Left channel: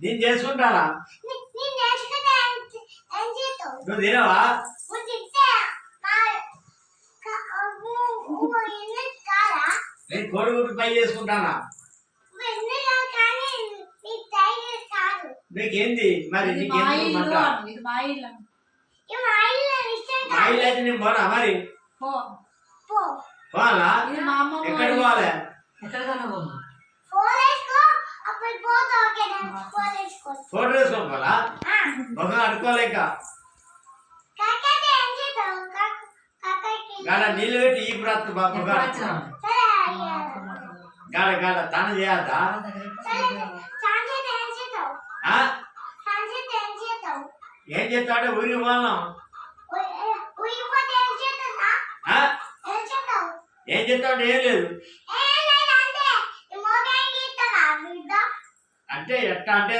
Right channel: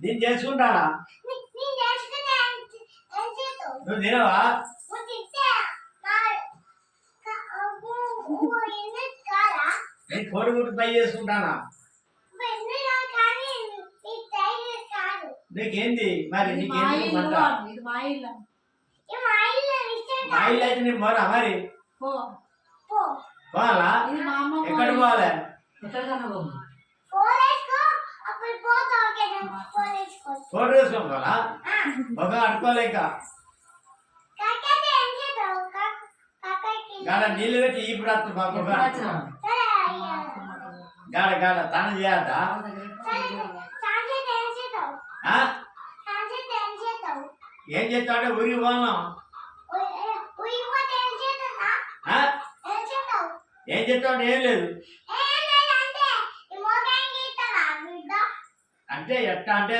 నేను చేసుకుంటానా? నువ్వు తినవా? నేను కోడిగుడ్డు పై చేసుకుంటానా? నీకేంది మరి? నీకేంది మా ఇల్లు అయితే నేను పోనా మరి? పోవాలా? ఎక్కడికి పోవాలి? ఫోటో వేసుకోవాలా? ఒక అడుకోలేక గాడ నీళ్ళు పెట్టి ఈ ప్రాంతం బాబు గాడ గాడ తన చేయాలా? ఏం చేస్తావు అంటే ఊరికి పోను. ఏం చేస్తావు అంటే ఏం లేదు అంటే ఎట్లా అంటే